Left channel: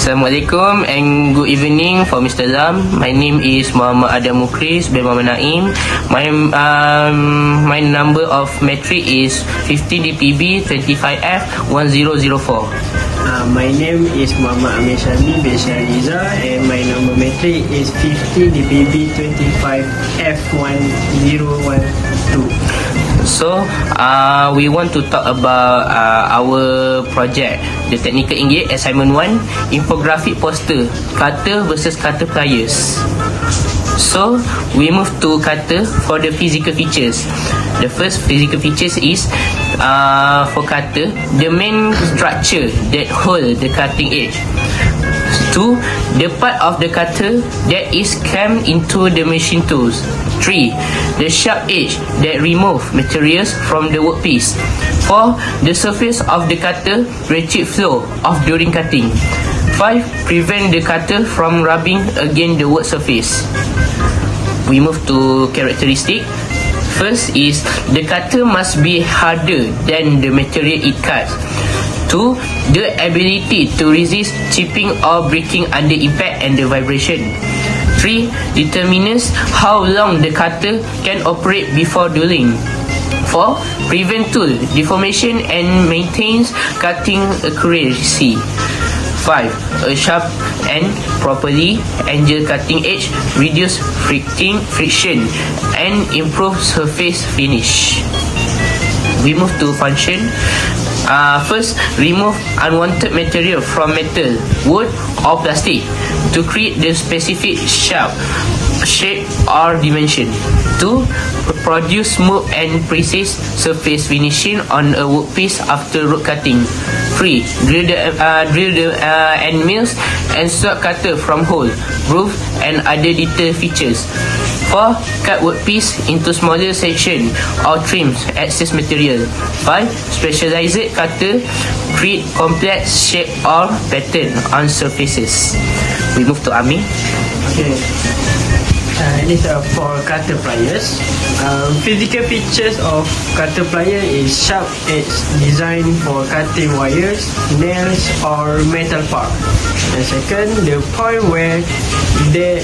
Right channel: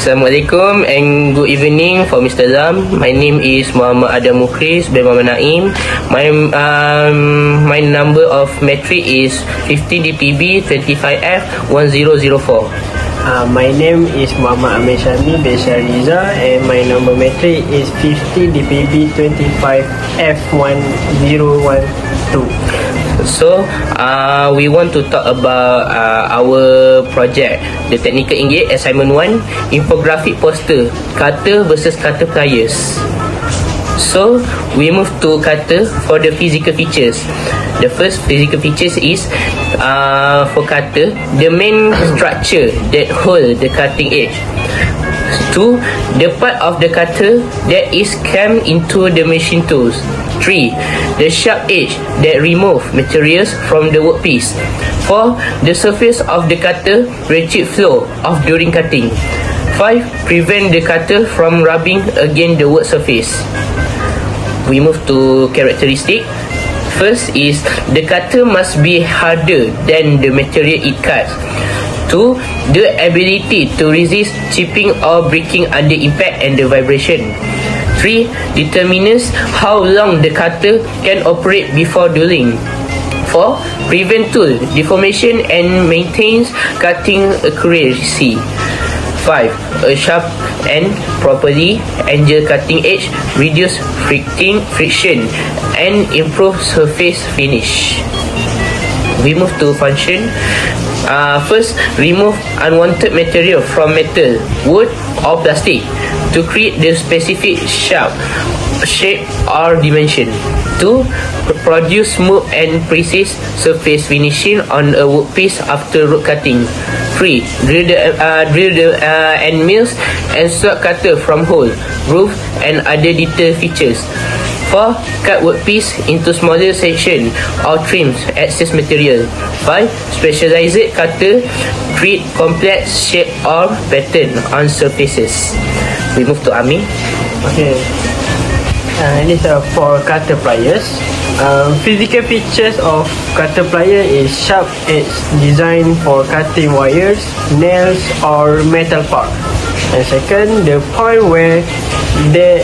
Assalamualaikum and good evening for Mr. Zam. My name is Muhammad Adam Mukris bin Muhammad Naim. My number of metric is 50 DPB 25F 1004. My name is Muhammad Amir Shadi bin Shariza and my number metric is 50 DPB 25F 1012. So, we want to talk about our project, the Technical Engage Assignment 1, Infographic Poster, Kata versus Kata Pliers. So, we move to Kata for the physical features. The first physical features is, for Kata, the main structure that hold the cutting edge. 2. The part of the cutter that is clamped into the machine tools. 3. The sharp edge that remove materials from the workpiece. 4. The surface of the cutter ratchet flow off during cutting. 5. Prevent the cutter from rubbing against the work surface. We move to characteristic. First is the cutter must be harder than the material it cuts. 2. The ability to resist chipping or breaking under impact and the vibration. 3. Determines how long the cutter can operate before drilling. 4. Prevent tool deformation and maintains cutting accuracy. 5. A sharp and properly angled cutting edge reduce friction and improve surface finish. We move to function. First, remove unwanted material from metal, wood or plastic to create the specific shape or dimension. 2. Produce smooth and precise surface finishing on a workpiece after root cutting. 3. Drill the end mills and swap cutter from hole, groove and other detail features. 4. Cut workpiece into smaller sections or trims excess material. 5. Specialized cutter create complex shape or pattern on surfaces. We move to Amir. Okay. This is for cutter pliers. Physical features of cutter plier is sharp edge designed for cutting wires, nails or metal parts. And second, the point where the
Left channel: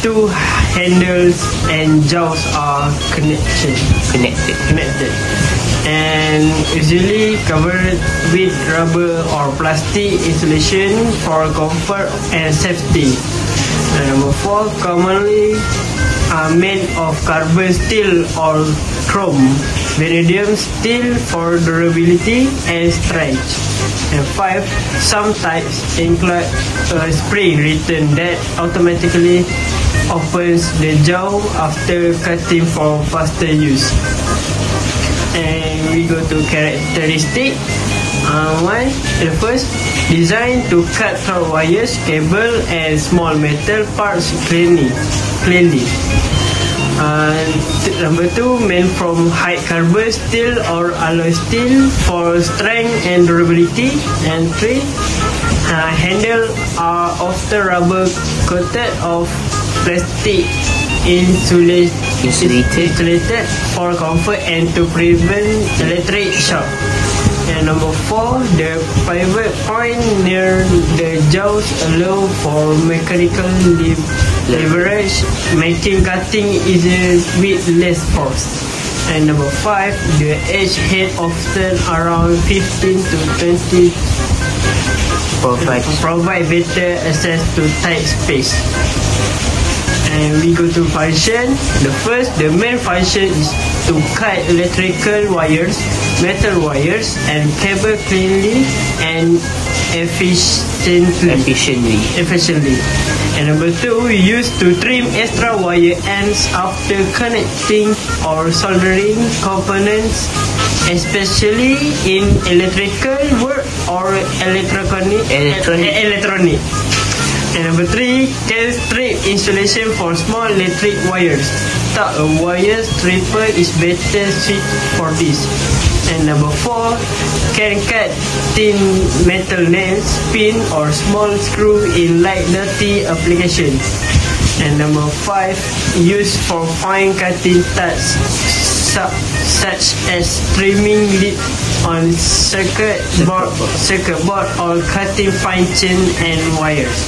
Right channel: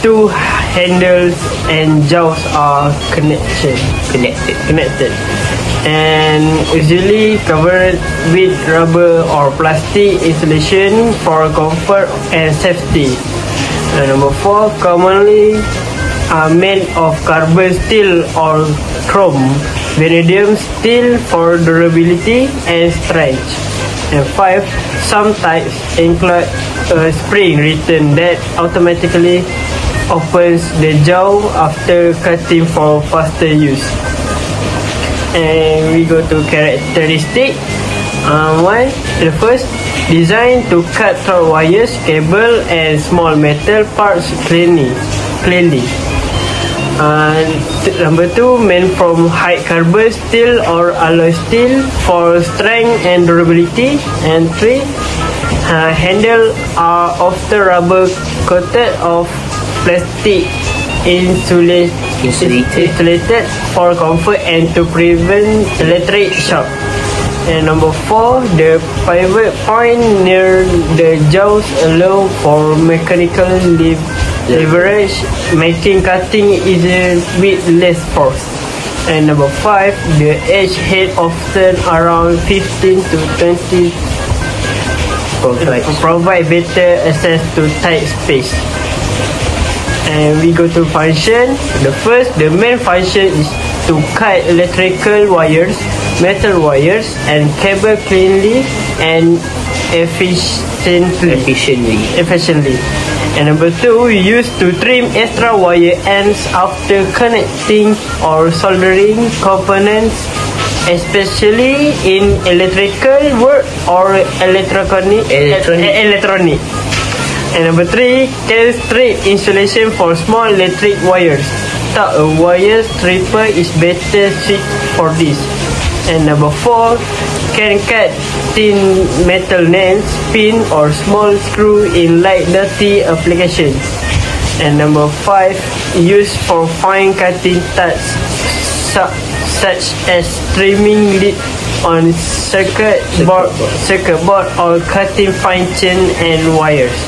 two handles and jaws are connected and usually covered with rubber or plastic insulation for comfort and safety. And number 4, commonly are made of carbon steel or chrome, vanadium steel for durability and stretch. And 5, some types include a spring return that automatically opens the jaw after cutting for faster use. And we go to characteristic. The first, designed to cut through wires, cable and small metal parts cleanly. Number 2, made from high carbon steel or alloy steel for strength and durability. And 3, handle are often rubber coated of plastic insulated for comfort and to prevent electric shock. And number 4, the pivot point near the jaws allow for mechanical leverage, making cutting easier with less force. And number 5, the edge head often around 15 to 20 provide better access to tight space. And we go to function. The first, the main function is to cut electrical wires, metal wires and cable cleanly and efficiently. And number 2, used to trim extra wire ends after connecting or soldering components, especially in electrical work or electronic. And number 3, can strip insulation for small electric wires. A wire stripper is better suited for this. And number 4, can cut thin metal nails, pin or small screw in light dirty applications. And number 5, used for fine cutting tasks such as trimming lead on circuit board or cutting fine chain and wires.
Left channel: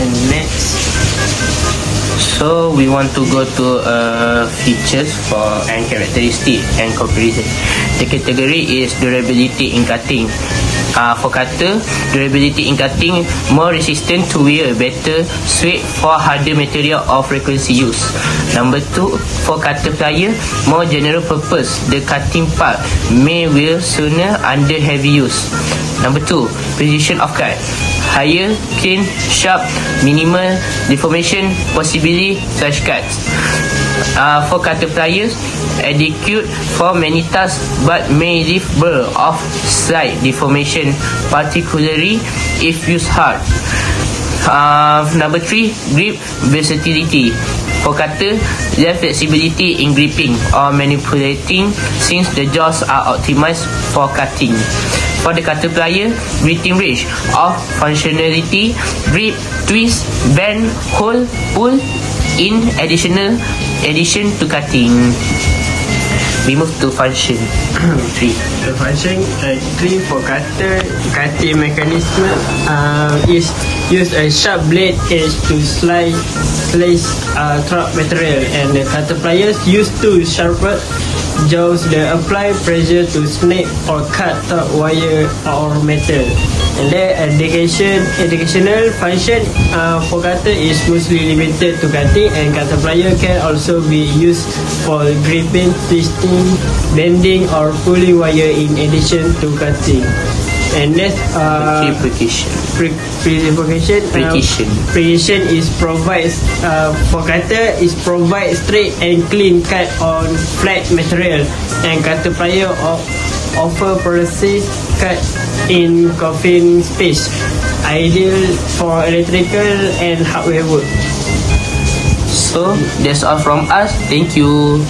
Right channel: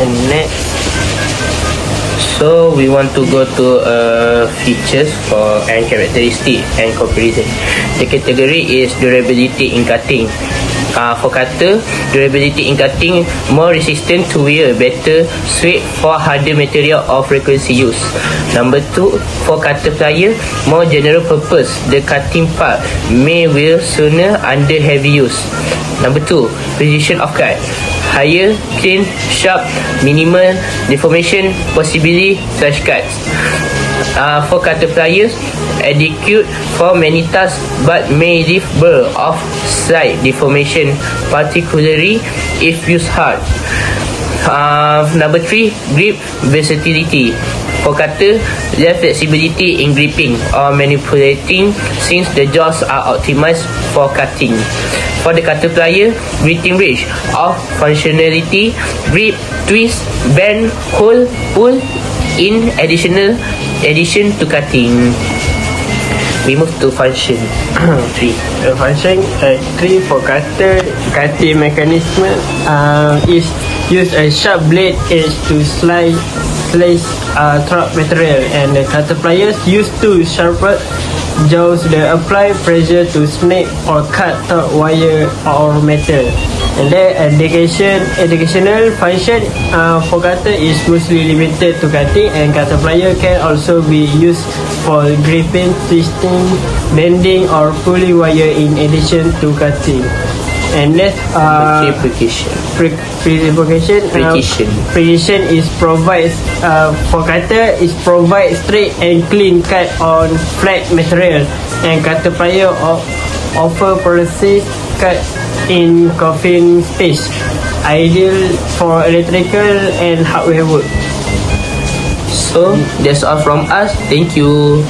And next. So we want to go to features and characteristic and comparison. The category is durability in cutting. For cutter, durability in cutting, more resistant to wear, better suited for harder material of frequency use. Number 2, for cutter plier, more general purpose. The cutting part may wear sooner under heavy use. Number 2, precision of cut. Higher, clean, sharp, minimal deformation, possibly flash cuts. For cutter pliers, adequate for many tasks but may leave burr of slight deformation, particularly if used hard. Number 3, grip versatility. For cutter, less flexibility in gripping or manipulating since the jaws are optimized for cutting. For the cutter plier, gripping range of functionality, grip, twist, bend, hold, pull in addition to cutting. We move to function. The function 3 for cutter, cutting mechanism is use a sharp blade edge to slice trap material, and the cutter pliers use two sharper jaws that apply pressure to snip or cut wire or metal. And the educational function for cutter is mostly limited to cutting, and cutter plier can also be used for gripping, twisting, bending or pulling wire in addition to cutting. And next, precision is provide for cutter is provide straight and clean cut on flat material, and cutter plier offer precise cut in confined space, ideal for electrical and hardware work. So that's all from us. Thank you.